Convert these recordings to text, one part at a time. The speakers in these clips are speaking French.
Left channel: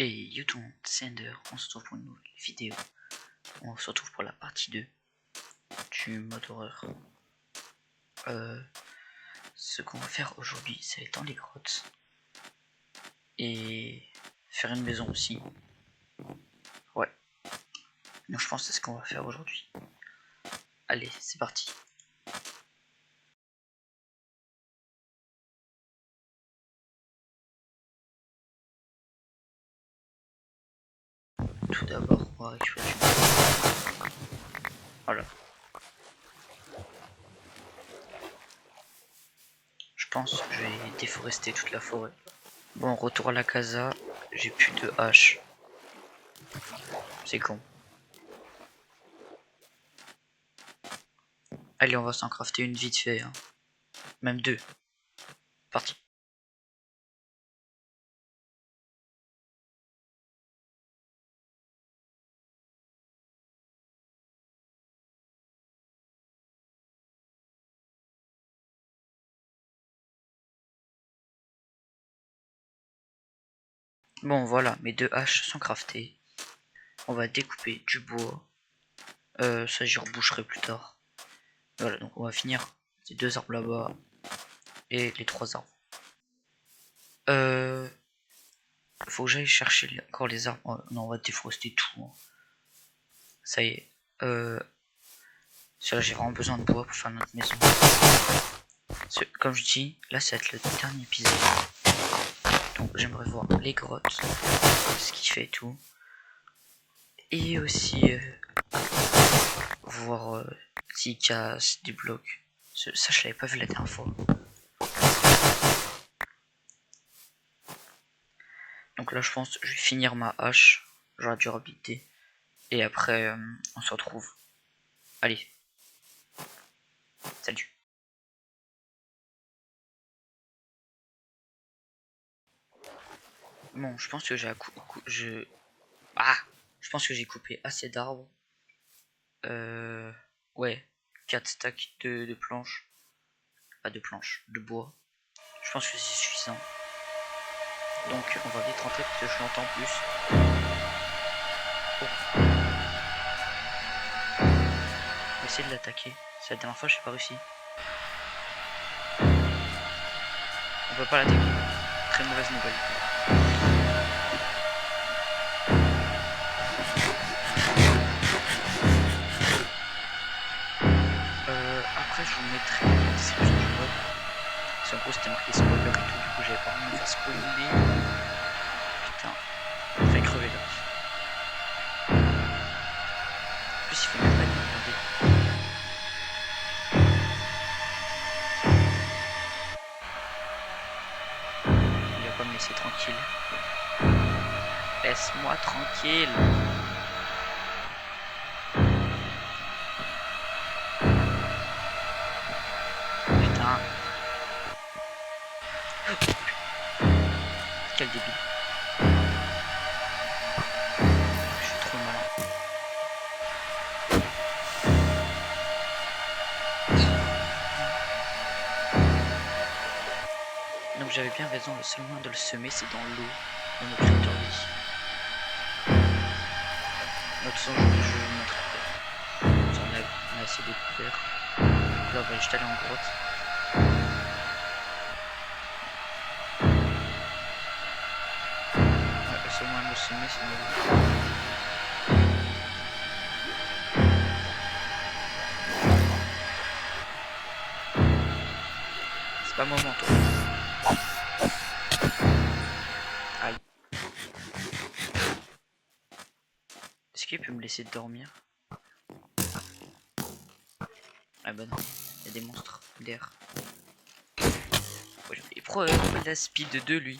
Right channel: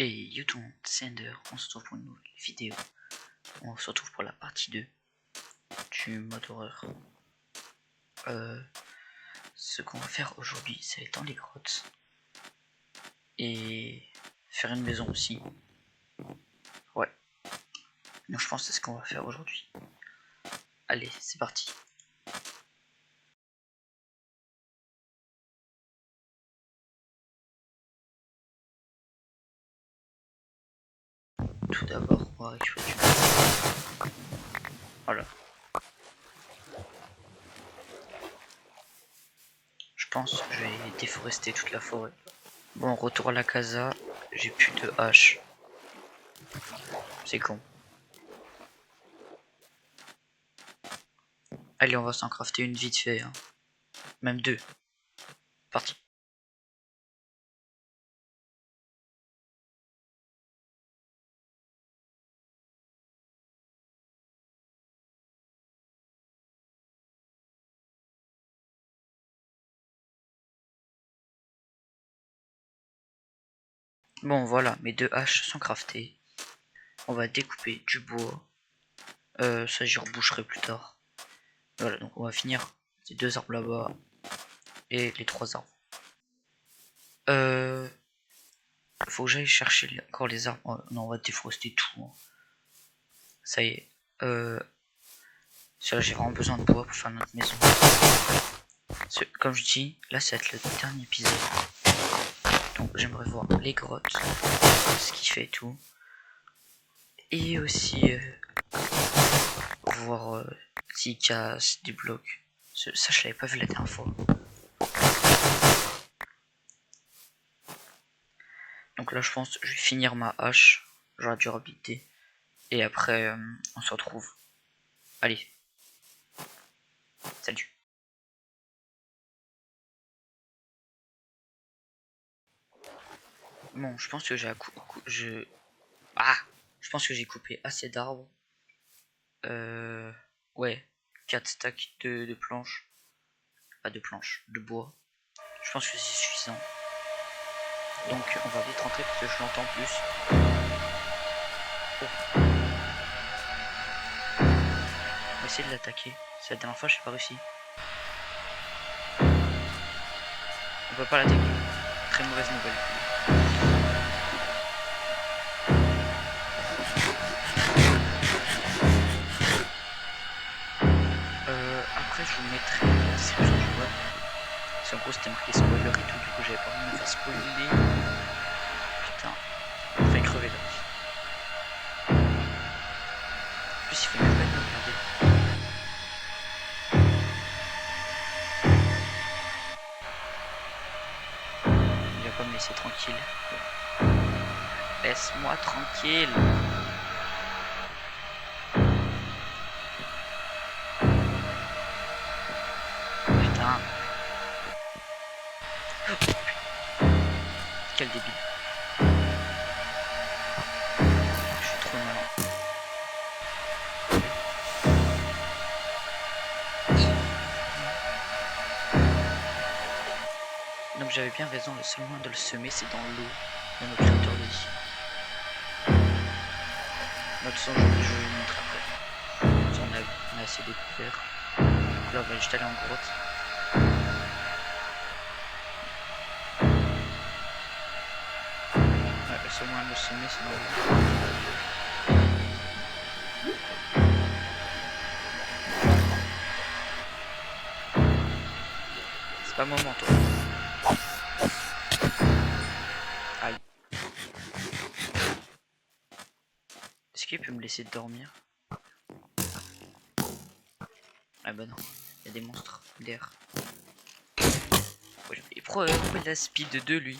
Et YouTube, c'est Ender, on se retrouve pour une nouvelle vidéo. On se retrouve pour la partie 2 du mode horreur. Ce qu'on va faire aujourd'hui, c'est aller dans les grottes et faire une maison aussi. Ouais. Donc je pense que c'est ce qu'on va faire aujourd'hui. Allez, c'est parti. Tout d'abord, on va récupérer du bois. Voilà. Je pense que je vais déforester toute la forêt. Bon, retour à la casa. J'ai plus de hache. C'est con. Allez, on va s'en crafter une vite fait. Hein. Même deux. Parti. Bon voilà, mes deux haches sont craftées. On va découper du bois. Ça j'y reboucherai plus tard. Voilà, donc on va finir ces deux arbres là-bas et les trois arbres. Faut que j'aille chercher encore les arbres. Oh, non, on va déforester tout. Hein. Ça y est. J'ai vraiment besoin de bois pour faire notre maison. Comme je dis, là ça va être le dernier épisode. Donc j'aimerais voir les grottes, ce qu'il fait et tout. Et aussi voir s'il casse des blocs. Ça je l'avais pas vu la dernière fois. Donc là je pense que je vais finir ma hache. J'aurai dû habiter. Et après on se retrouve. Allez. Salut. Bon, je pense que j'ai je pense que j'ai coupé assez d'arbres. Ouais, 4 stacks de planches. Pas de planches, de bois. Je pense que c'est suffisant. Donc on va vite rentrer parce que je l'entends plus. Oh. On va essayer de l'attaquer. C'est la dernière fois, j'ai pas réussi. On peut pas l'attaquer. Très mauvaise nouvelle. Après je vous mettrai la description du web. Parce qu'en gros c'était marqué spoiler et tout, du coup j'avais pas envie de me faire spoiler. Putain, il fait crever là. En plus il fait même pas de me regarder. Il va pas me laisser tranquille. Laisse-moi tranquille. Putain. Quel débile. Je suis trop malin. Donc j'avais bien raison, le seul moyen de le semer c'est dans l'eau, dans notre créateur de vie. Notre son, je vais vous montrer après. On a assez découvert. Donc là on va juste aller en grotte. Ouais, le seul moyen de le semer c'est dans l'eau. C'est pas le moment toi. Aïe. Est-ce qu'il peut me laisser dormir? Ah bah non, il y a des monstres d'air. Et pourquoi il a speed 2 lui?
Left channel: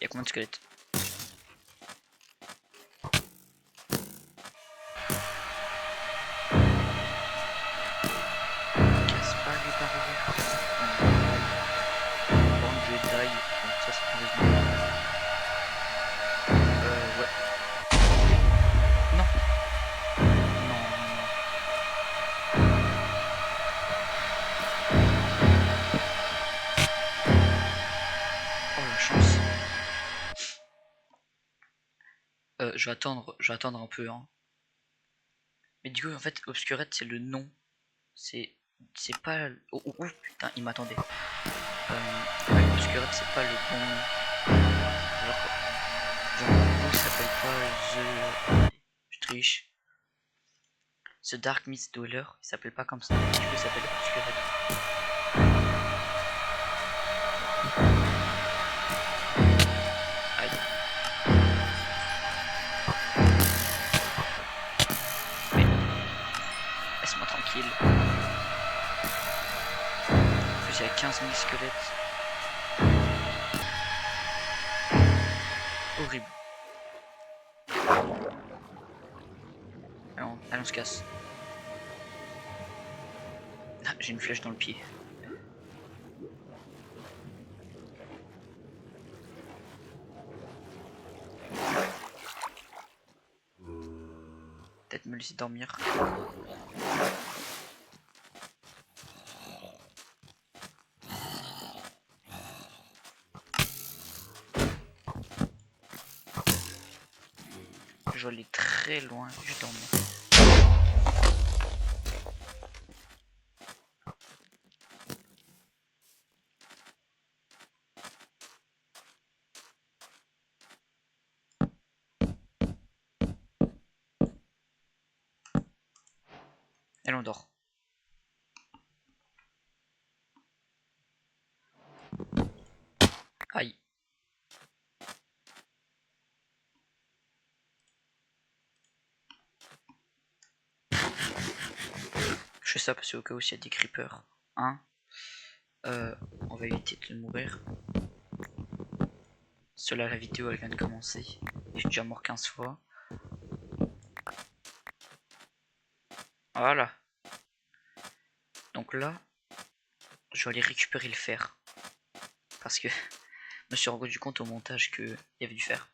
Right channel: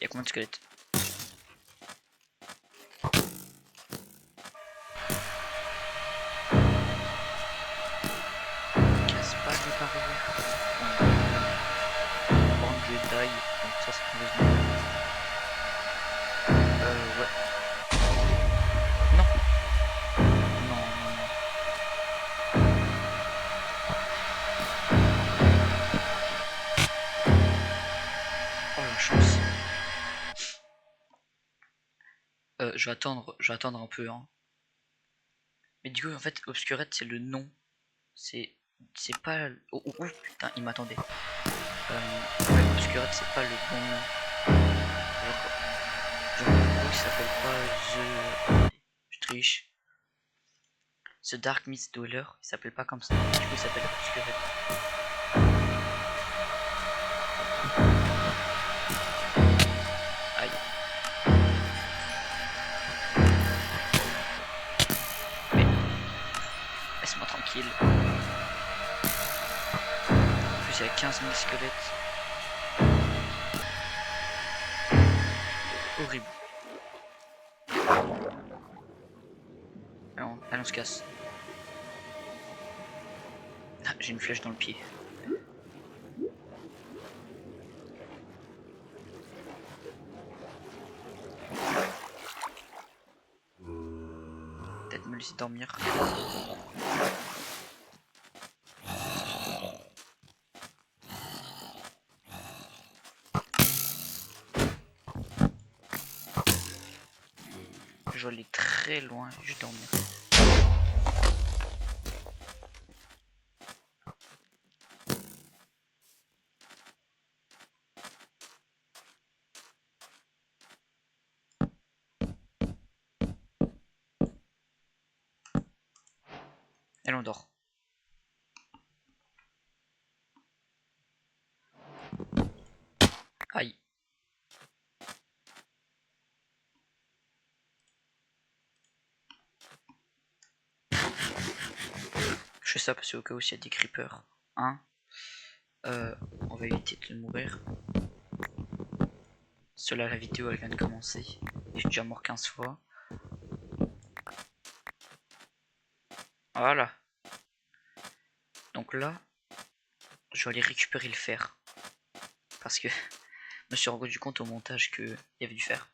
Il y a combien de squelettes? Casse pas les barrières. Bon, Jedi, donc ça c'est mauvaise nouvelle. Ouais. Non. Non. Je vais attendre un peu, hein. Mais du coup, en fait, Obscurette, c'est le nom. C'est pas... Oh, oh, oh, putain, il m'attendait. Ouais, Obscurette, c'est pas le bon nom. Genre en gros, il s'appelle pas The... Je triche. The Dark Mist Dweller, il s'appelle pas comme ça. Du coup, il s'appelle Obscurette. Aïe. Mais... Laisse-moi tranquille. En plus, il y a 15 000 squelettes. Horrible. Allez, on se casse. Ah, j'ai une flèche dans le pied. Peut-être me laisser dormir. Je vais aller très loin, je vais dormir. Elle on dort. Aïe. Je fais ça parce qu'au cas où il y a des creepers. Hein, on va éviter de mourir. Cela, la vidéo elle vient de commencer. J'ai déjà mort 15 fois. Voilà. Donc là, je vais aller récupérer le fer. Parce que je me suis rendu compte au montage qu'il y avait du fer.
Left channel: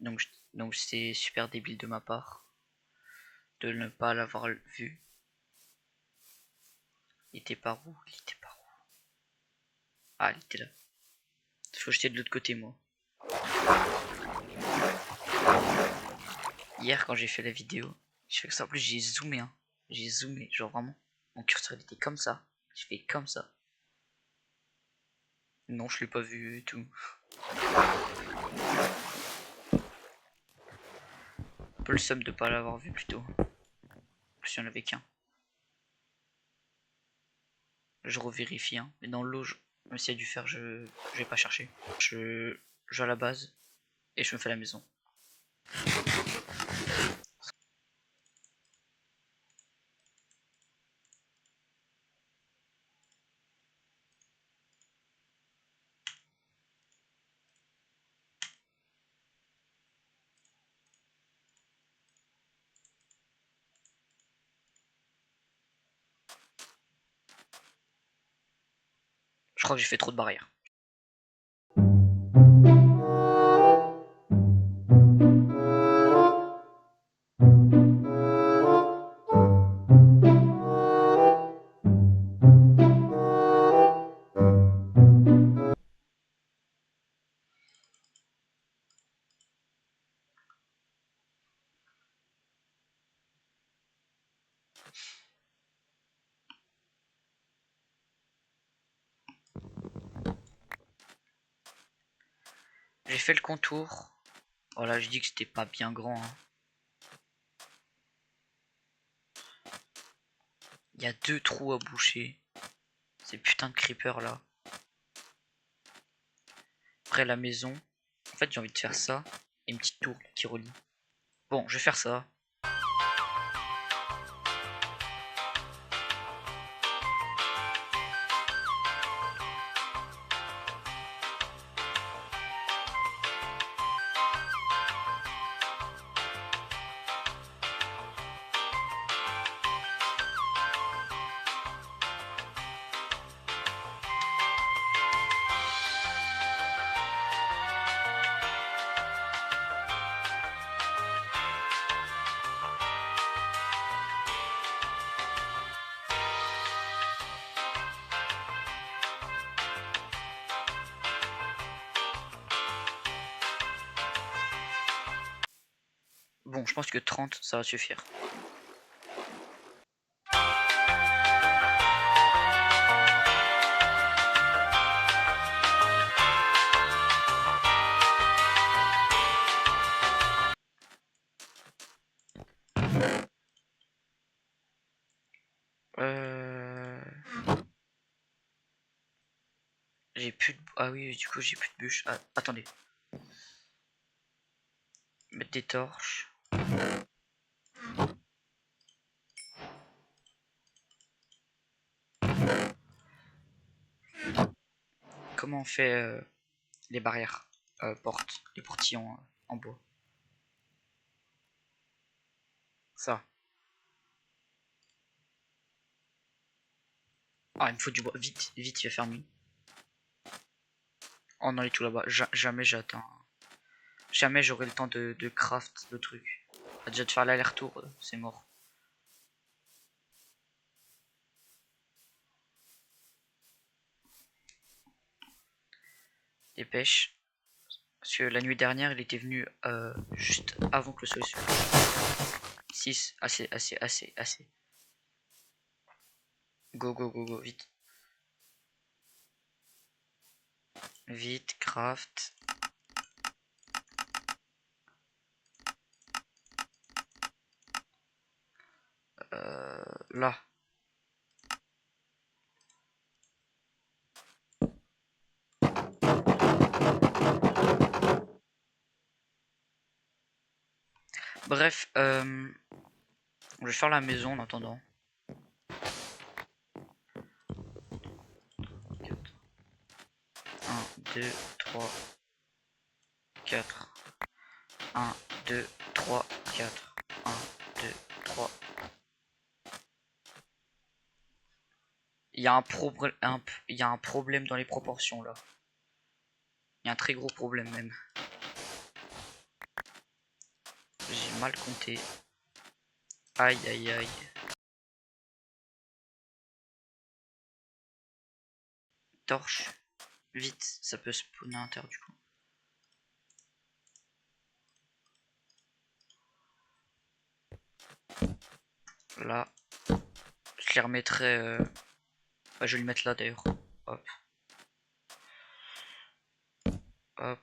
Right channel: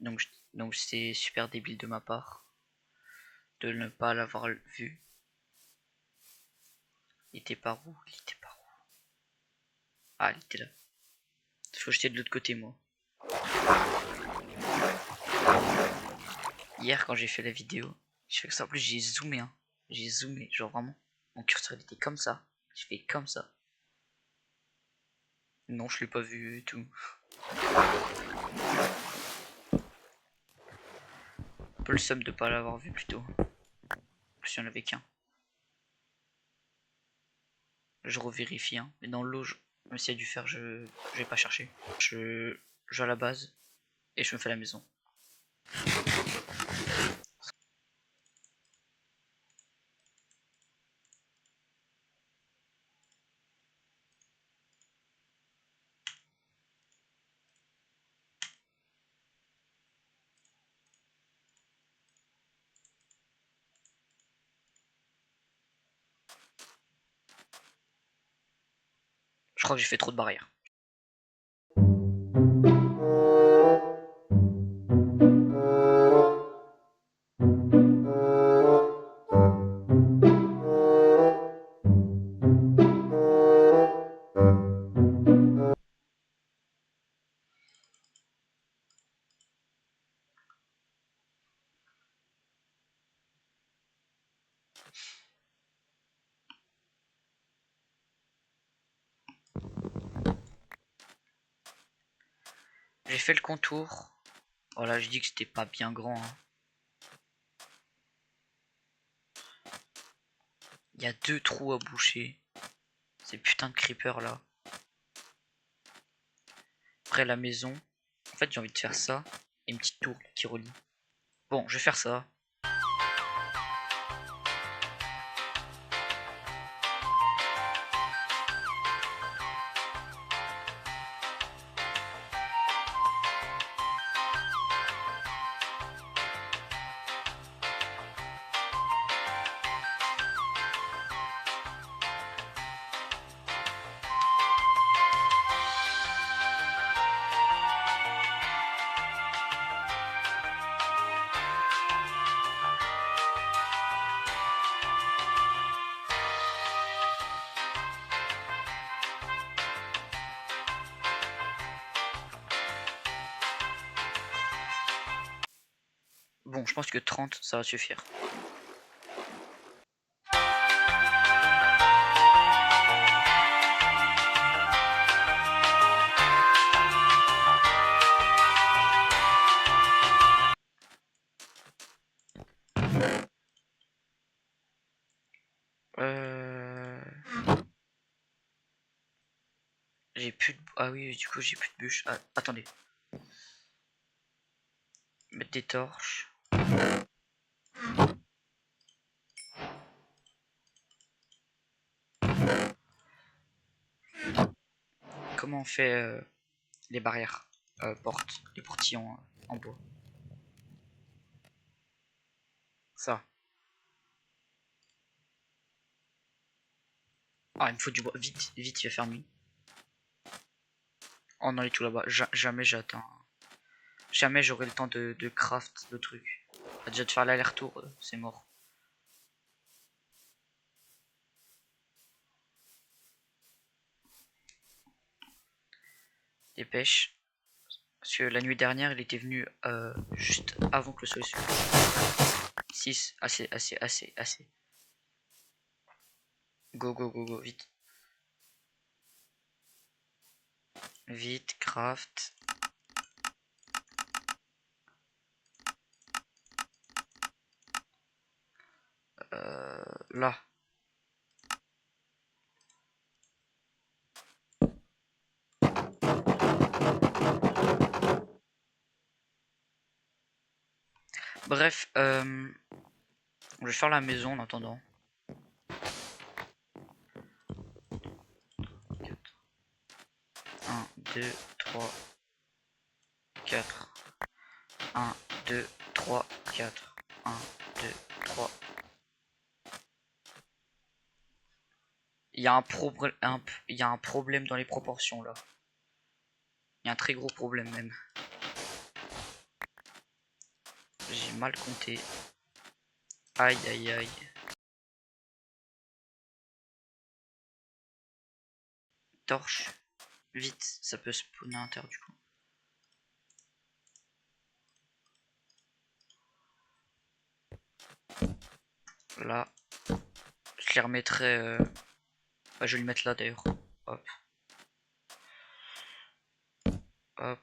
Donc c'est super débile de ma part de ne pas l'avoir vu. Il était par où? Il était par où? Ah, il était là. Faut que j'étais de l'autre côté, moi. Hier, quand j'ai fait la vidéo, je fais que ça. En plus, j'ai zoomé, hein. J'ai zoomé, genre vraiment. Mon curseur il était comme ça. Je fais comme ça. Non, je l'ai pas vu et tout. Un peu le seum de pas l'avoir vu plutôt. En plus, il y en avait qu'un. Je revérifie, hein. Mais dans l'eau, même s'il y a du fer, je vais pas chercher. Je vais à la base et je me fais la maison. Je crois que j'ai fait trop de barrières. J'ai fait le contour. Voilà, je dis que c'était pas bien grand, hein. Il y a 2 trous à boucher. Ces putains de creepers là. Après la maison. En fait, j'ai envie de faire ça. Et une petite tour qui relie. Bon, je vais faire ça. Bon, je pense que 30, ça va suffire. J'ai plus de... Ah oui, du coup, j'ai plus de bûches. Ah, attendez. Mettre des torches. Comment on fait les barrières portes, les portillons en bois? Ça. Ah, il me faut du bois. Vite, vite, il va faire nuit. Oh non, il est tout là-bas. Jamais j'atteins. Jamais j'aurai le temps de craft le truc. Déjà de faire l'aller-retour, c'est mort. Dépêche. Parce que la nuit dernière, il était venu juste avant que le soleil se couche. 6, assez, assez, assez, assez. Go, go, go, go, vite. Vite, craft. Là. Bref, je vais faire la maison en attendant. 1, 2, 3, 4. 1, 2, 3, 4. 1, 2, 3. Il y a un problème dans les proportions là. Il y a un très gros problème même. J'ai mal compté. Aïe aïe aïe. Torche. Vite, ça peut spawner à l'intérieur du coup. Là. Je les remettrai. Bah, je vais le mettre là d'ailleurs. Hop. Hop.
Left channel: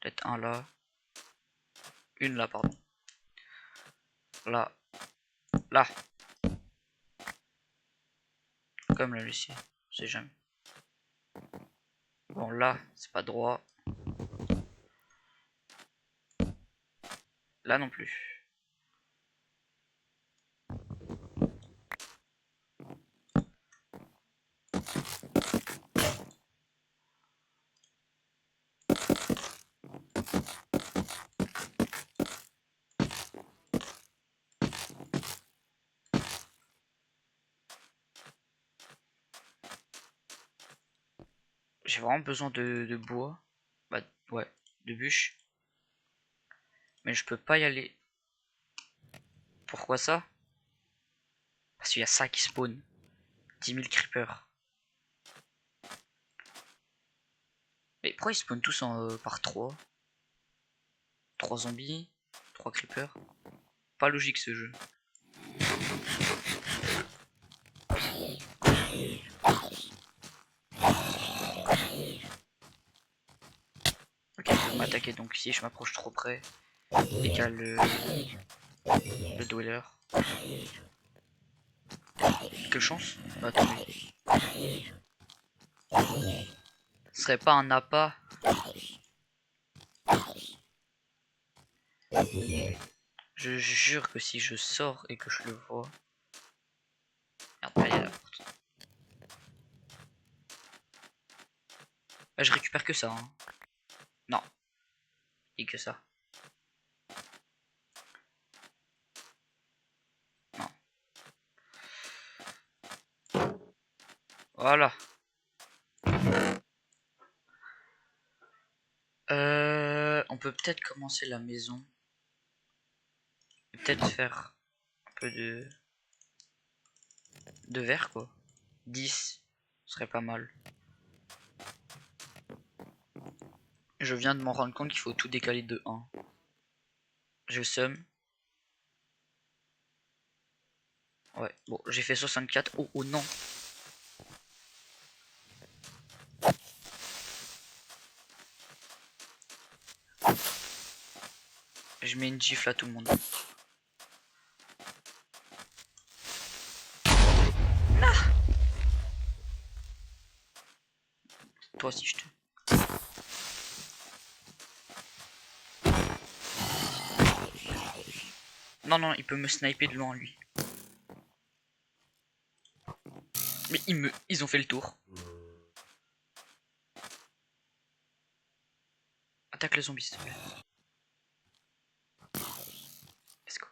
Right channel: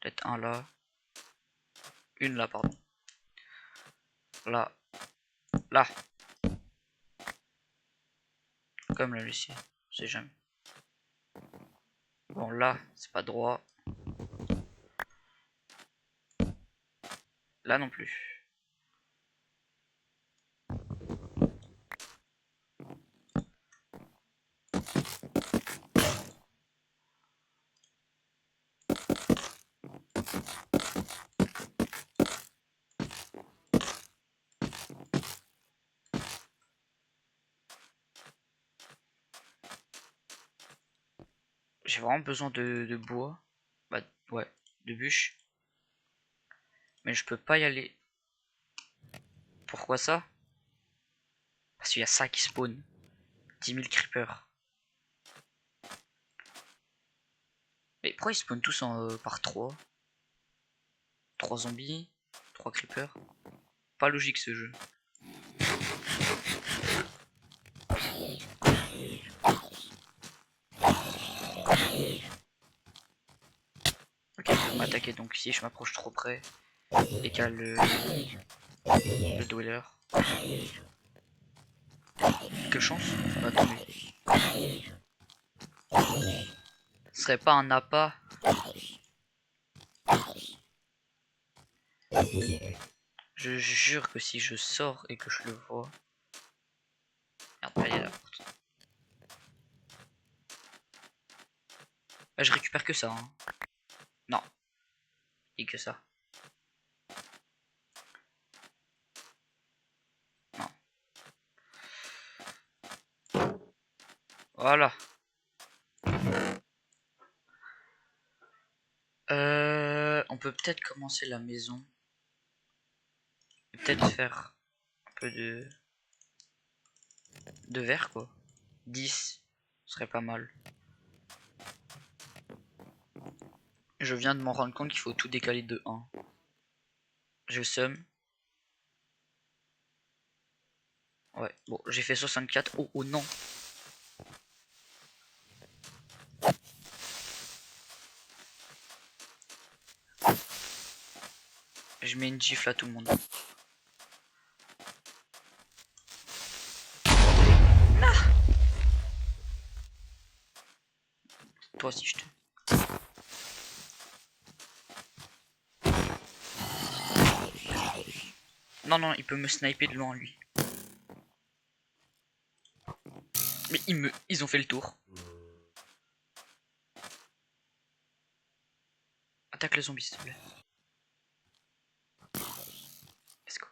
Peut-être un là. Une là, pardon. Là. Là. Comme la Lucie. Je sais jamais. Bon, là, c'est pas droit. Là non plus. J'ai vraiment besoin de bois. Bah, ouais. De bûches. Mais je peux pas y aller. Pourquoi ça? Parce qu'il y a ça qui spawn. 10 000 creepers. Mais pourquoi ils spawnent tous par 3? 3 zombies, 3 creepers. Pas logique ce jeu. Ok, ils peuvent m'attaquer donc si je m'approche trop près. Égale le dweller. Quelle chance? Bah, attendez. Ce serait pas un appât? Je jure que si je sors et que je le vois. Merde, pas aller à la porte. Bah, je récupère que ça. Hein. Non. Et que ça. Non. Voilà. On peut peut-être commencer la maison. Peut-être faire un peu de verre quoi. 10 serait pas mal. Je viens de m'en rendre compte qu'il faut tout décaler de 1. Je somme. Ouais, bon, j'ai fait 64. Oh, oh non. Je mets une gifle à tout le monde. Ah, toi aussi je te... Non, non, il peut me sniper de loin, lui. Mais ils ont fait le tour. Attaque le zombie, s'il te plaît. Let's go.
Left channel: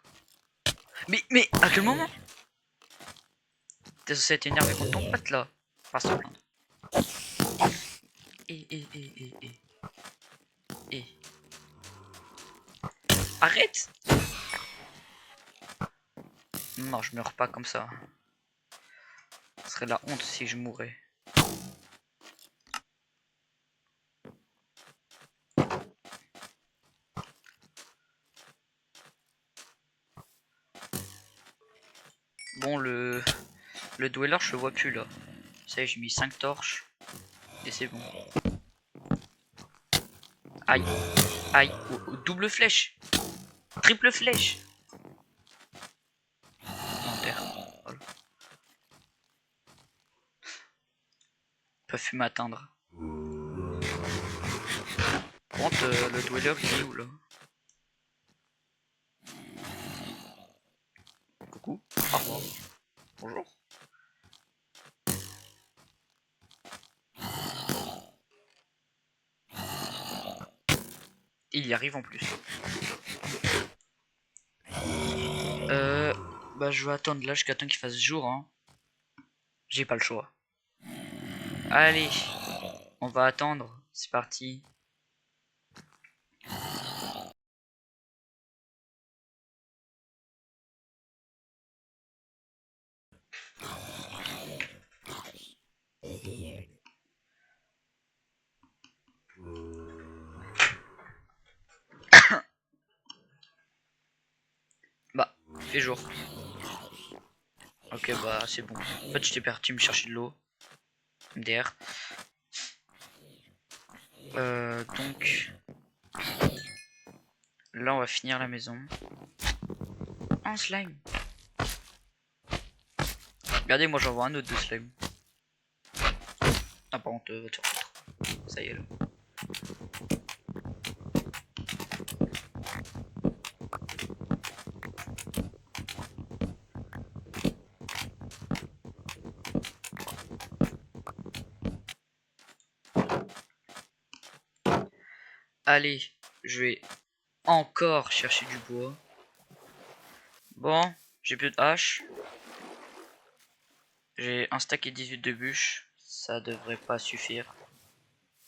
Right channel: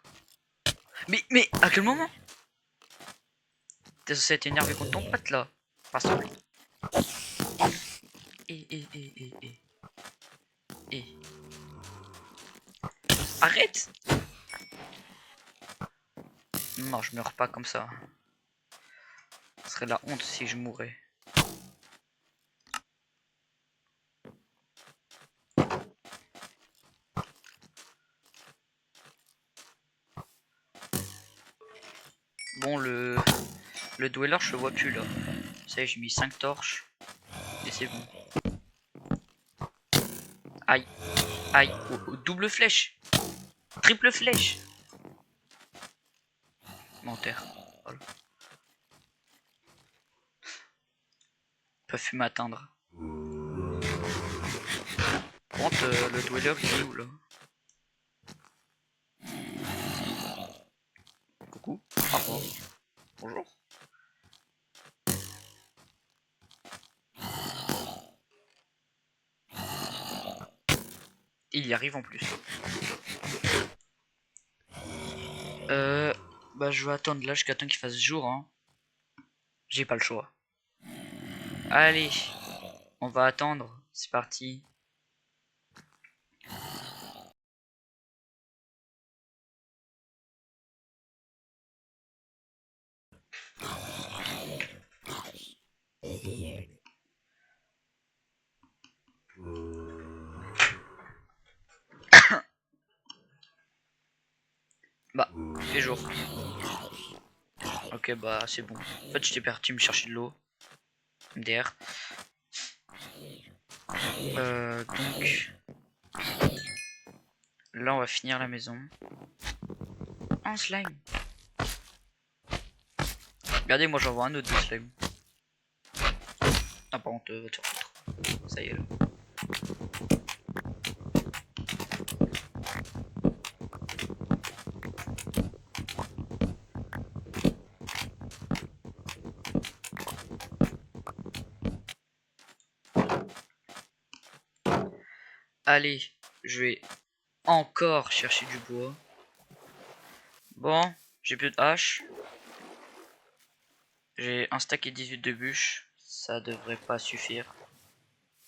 Mais, à quel moment? T'es censé être énervé contre ton pote, là. Pas ça. Et. Arrête! Non, je meurs pas comme ça. Ce serait la honte si je mourais. Bon, le dweller, je le vois plus là. Ça y est, j'ai mis 5 torches. Et c'est bon. Aïe, aïe, double flèche. Triple flèche. Non, terre. Voilà. Ils peuvent plus m'atteindre. Par contre, le dweller, il est où là? Coucou, au revoir. Bonjour. Il y arrive en plus. Bah je vais attendre là jusqu'à temps qu'il fasse jour, hein. J'ai pas le choix. Allez, on va attendre. C'est parti. Bah, il fait jour. Ok, bah c'est bon. En fait, j'étais parti me chercher de l'eau. MDR. Donc, là, on va finir la maison. Un slime. Regardez, moi j'en vois un autre de slime. Ah, par contre, va te faire foutre. Ça y est, là. Allez, je vais encore chercher du bois. Bon, j'ai plus de hache. J'ai un stack et 18 de bûches. Ça devrait pas suffire.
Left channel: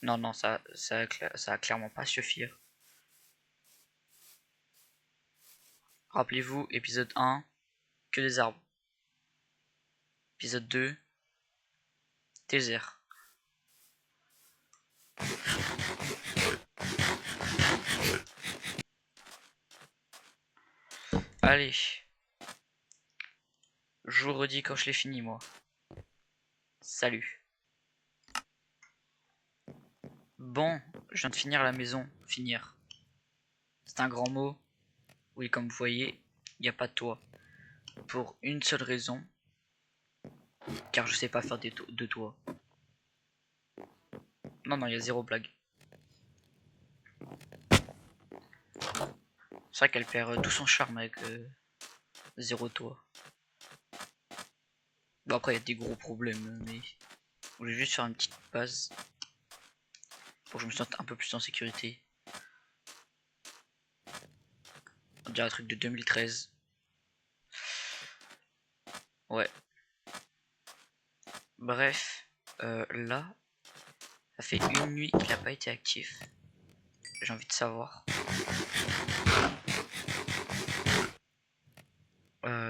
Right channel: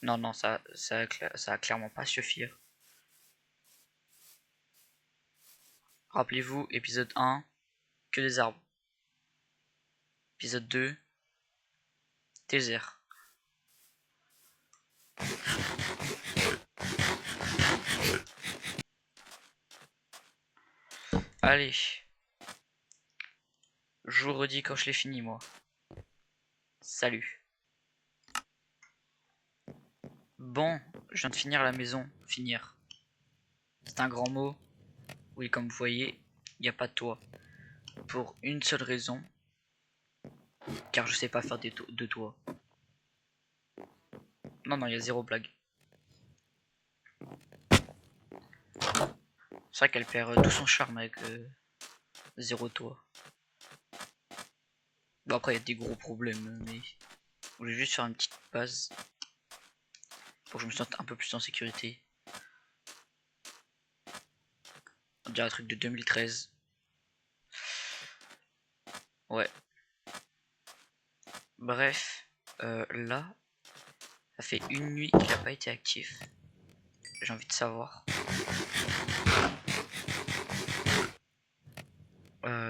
Non, non, ça a clairement pas suffire. Rappelez-vous, épisode 1, que des arbres. Épisode 2, désert. Allez. Je vous redis quand je l'ai fini, moi. Salut. Bon, je viens de finir la maison. Finir. C'est un grand mot. Oui, comme vous voyez, il n'y a pas de toit. Pour une seule raison. Car je sais pas faire de toit. Non, non, il y a zéro blague. C'est vrai qu'elle perd tout son charme avec zéro toit. Bon, après, il y a des gros problèmes, mais je vais juste faire une petite base pour que je me sente un peu plus en sécurité. On dirait un truc de 2013. Ouais. Bref, là, ça fait une nuit qu'il n'a pas été actif. J'ai envie de savoir.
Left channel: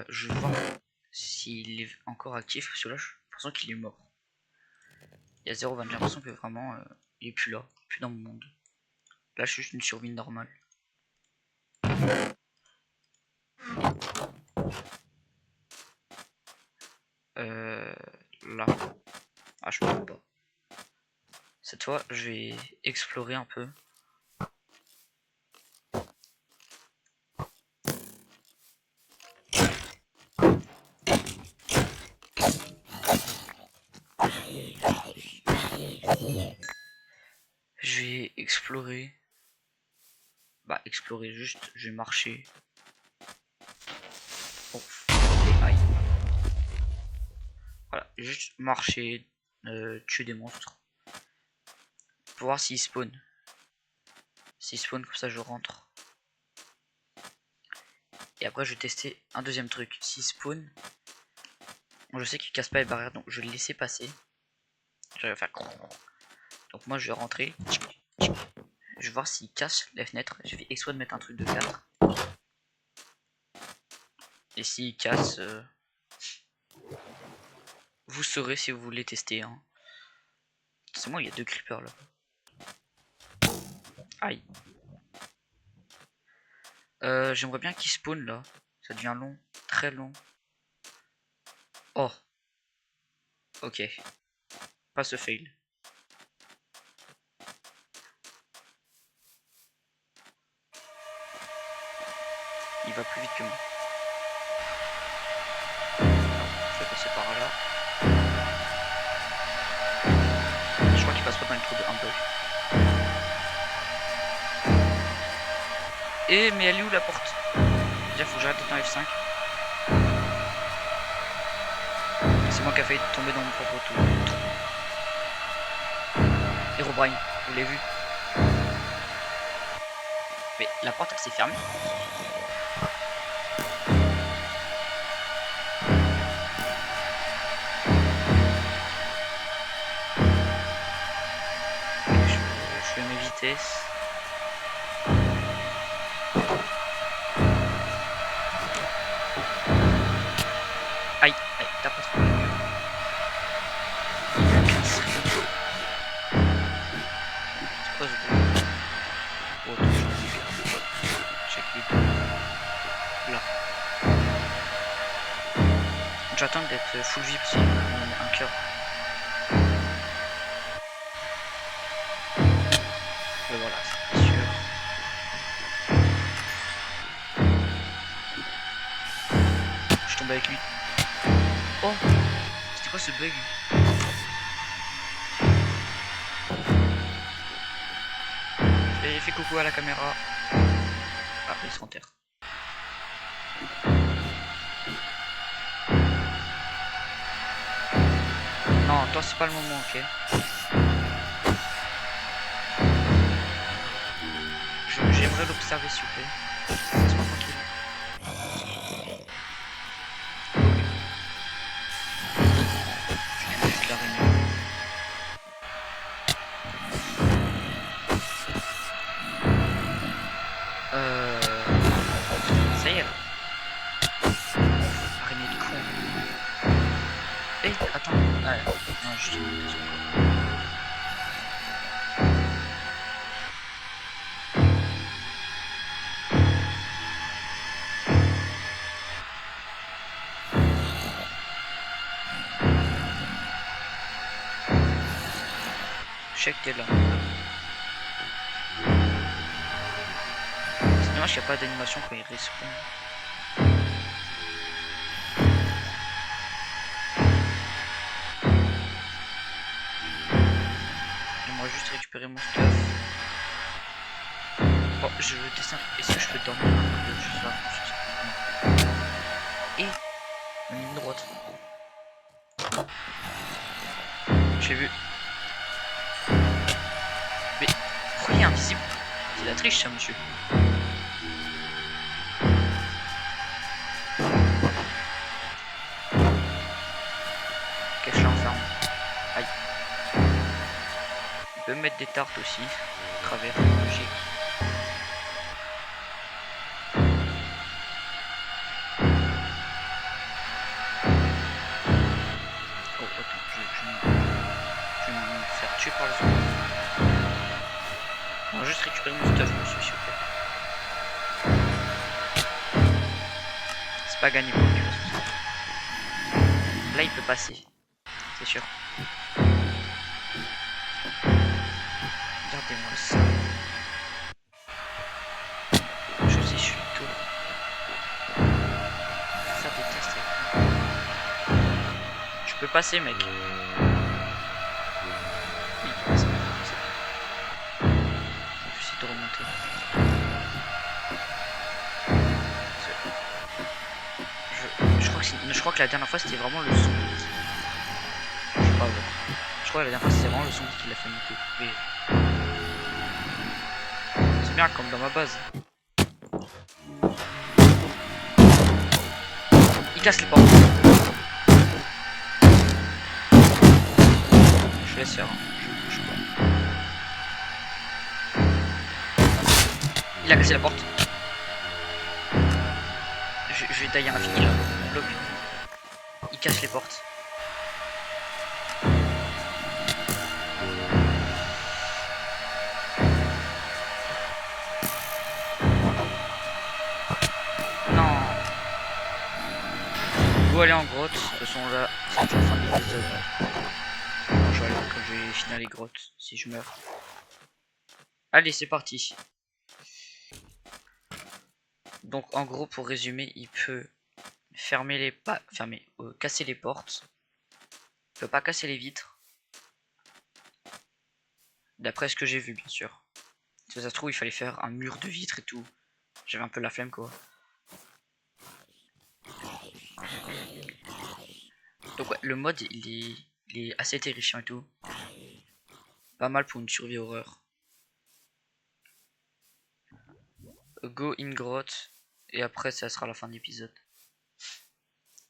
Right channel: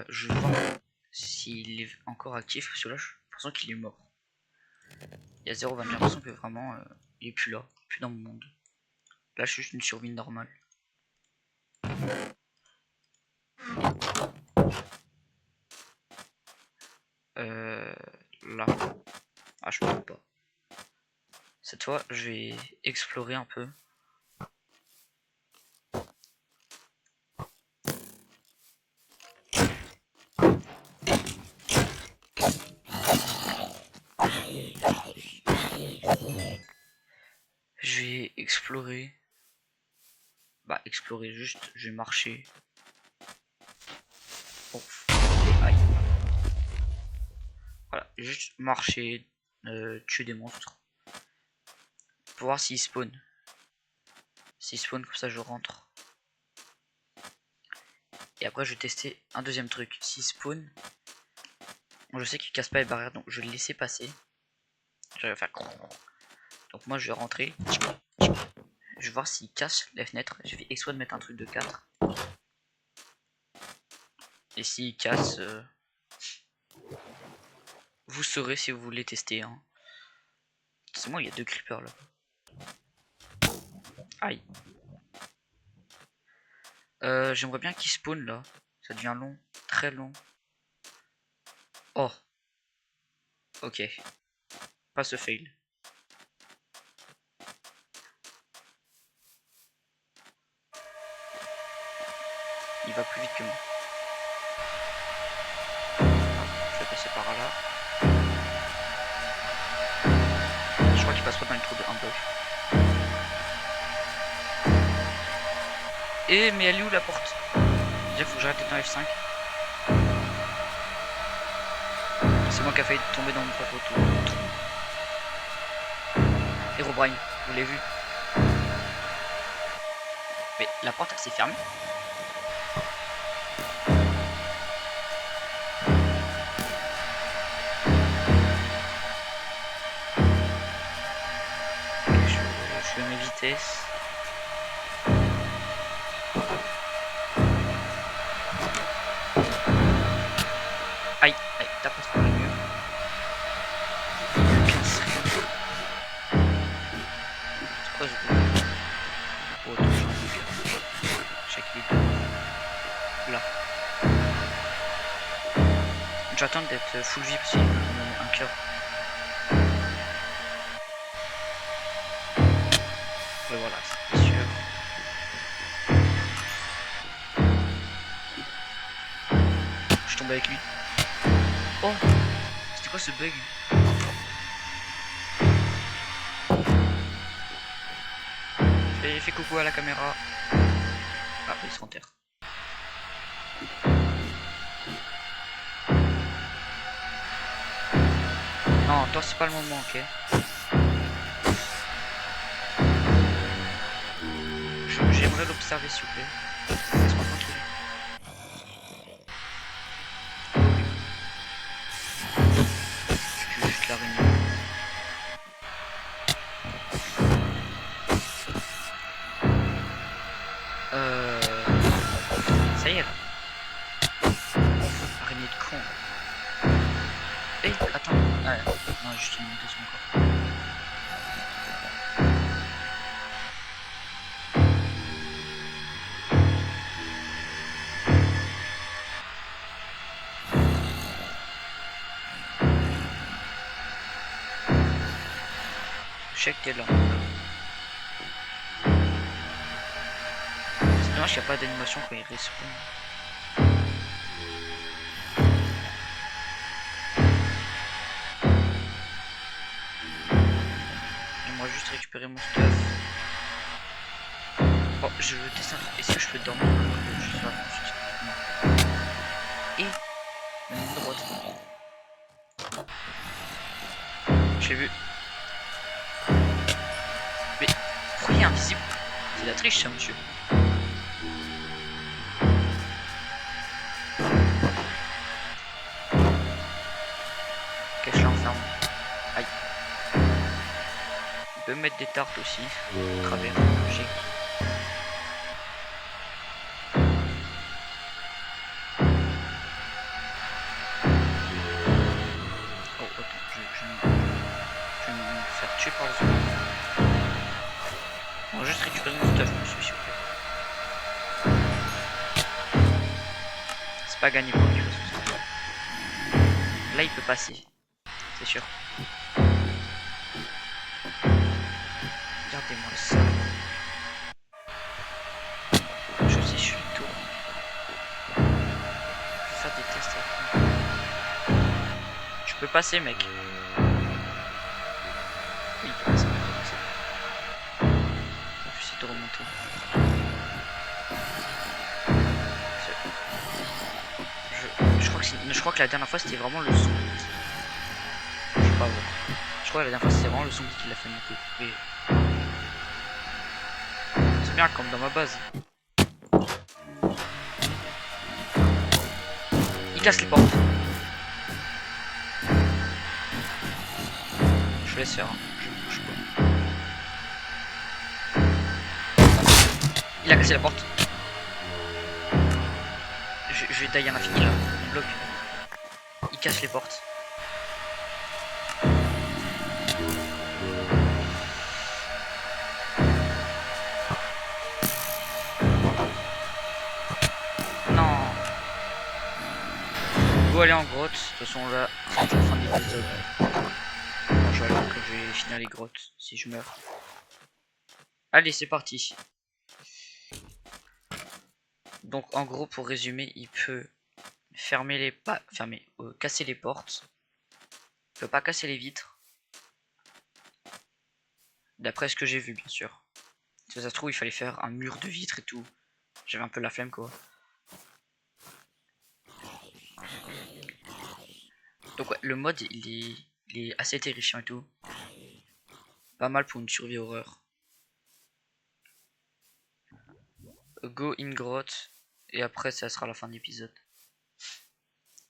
Je vais voir s'il est encore actif, parce que là, j'ai l'impression qu'il est mort. Il y a 0,20, j'ai l'impression que vraiment, il est plus là, plus dans mon monde. Là, je suis juste une survie normale. là. Ah, je peux pas. Cette fois, je vais explorer un peu. Je vais explorer. Bah, explorer juste, je vais marcher. Oh, aïe. Voilà, juste marcher, tuer des monstres. Pour voir s'ils spawn. S'ils spawn, comme ça je rentre. Et après, je vais tester un deuxième truc. S'ils spawn, je sais qu'ils cassent pas les barrières, donc je vais le laisser passer. Je vais faire. Donc, moi, je vais rentrer. Je vais voir s'ils cassent les fenêtres. Je vais exprès de mettre un truc de 4. Et s'ils cassent, vous saurez si vous voulez tester. Hein. C'est moi, il y a 2 creepers là-bas. Aïe. J'aimerais bien qu'ils spawn là. Ça devient long, très long. Oh. Ok. Pas ce fail. Il va plus vite que moi. Alors, je vais passer par là. Je crois qu'il passe pas dans le trou de un bug. Et mais elle est où la porte? Déjà faut que j'arrête d'être en F5. C'est moi qui a failli tomber dans mon propre trou. Herobrine, vous l'avez vu? Mais la porte elle s'est fermée. Okay, je fais mes vitesses. Aïe, aïe, tape pas trop le mur. 15 secondes. C'est quoi ce bruit? Oh, attends, j'en ai une carte. Check les deux. Là. J'attends d'être full vie parce qu'il me met un cœur. Et voilà, c'est sûr. Je tombe avec lui. Oh, c'était quoi ce bug? Fais coucou à la caméra. Ah, il se renterre. Non, toi c'est pas le moment, ok. J'aimerais l'observer s'il vous plaît. Laisse-moi tranquille. Je juste la réunion. Ça y est là. Araignée de con. Eh, attends. Ah, non, juste une mutation encore. Je sais que t'es là. C'est dommage qu'il n'y a pas d'animation quand il respawn. J'aimerais juste récupérer mon stuff. Oh, je veux tester un truc. Est-ce que je peux dormir un peu je sais pas. Non. Et une ligne droite. J'ai vu. Mais pourquoi il est invisible? C'est la triche ça monsieur. Ok, je l'enferme. Aïe. Il peut mettre des tartes aussi. Travers, logique. Oh attends, je vais me faire tuer par le zombie. On va juste récupérer mon stuff monsieur s'il vous plaît. C'est pas gagné pour lui de toute façon. Là il peut passer, c'est sûr. Regardez-moi ça. Je sais, je suis tout. Je vais faire des tests avec lui. Je peux passer, mec. Oui, il peut passer. Je vais essayer de remonter. Je crois que la dernière fois c'était vraiment le son. Je sais pas voir. Je crois que la dernière fois c'était vraiment le son qui l'a fait monter. Mais c'est bien comme dans ma base. Il casse les portes. Je laisse faire, hein. Je bouge pas. Il a cassé la porte. Je vais tailler un infini là. Il me bloque. Il casse les portes. Non. Go aller en grotte. De toute façon là, c'est la fin de l'épisode. Non, je vais aller quand je vais finir les grottes. Si je meurs. Allez, c'est parti. Donc en gros, pour résumer, il peut fermer les casser les portes. Il peut pas casser les vitres. D'après ce que j'ai vu, bien sûr. Si ça se trouve, il fallait faire un mur de vitres et tout. J'avais un peu la flemme, quoi. Donc ouais, le mode, il est assez terrifiant et tout. Pas mal pour une survie horreur. Go in grotte. Et après, ça sera la fin de l'épisode.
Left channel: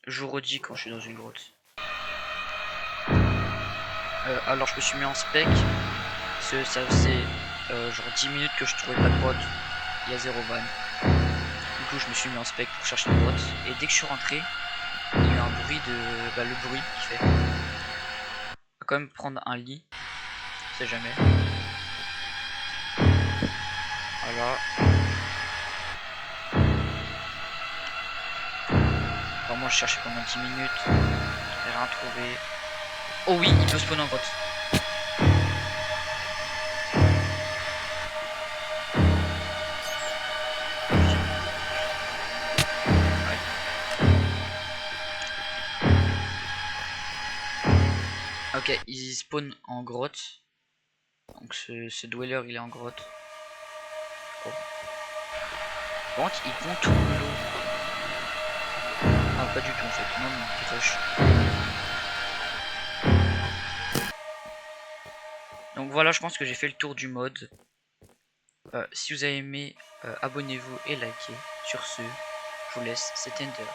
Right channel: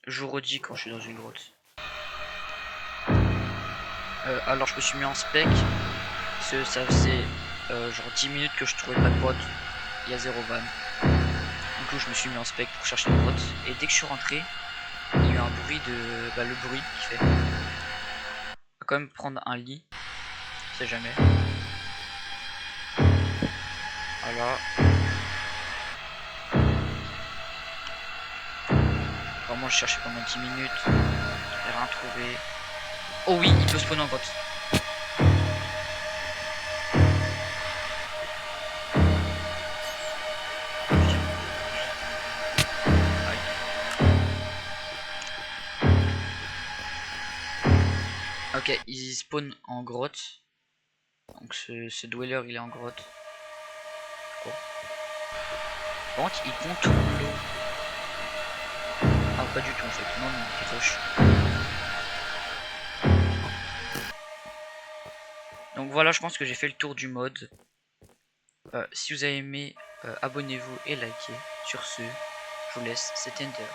Je vous redis quand je suis dans une grotte. Alors, je me suis mis en spec. Parce que ça faisait genre 10 minutes que je trouvais pas de grotte. Il y a 0 van. Du coup, je me suis mis en spec pour chercher une grotte. Et dès que je suis rentré, il y a eu un bruit de. Bah, le bruit qui fait. On va quand même prendre un lit. On sait jamais. Voilà. Vraiment, je cherchais pendant 10 minutes. J'ai rien trouvé. Oh oui, il peut spawner en grotte. Ok, il spawn en grotte. Donc ce dweller il est en grotte. Oh. Par contre il contourne l'eau. Ah pas du tout en fait, non il rush. Donc voilà, je pense que j'ai fait le tour du mode. Si vous avez aimé, abonnez-vous et likez. Sur ce, je vous laisse, c'était Ender.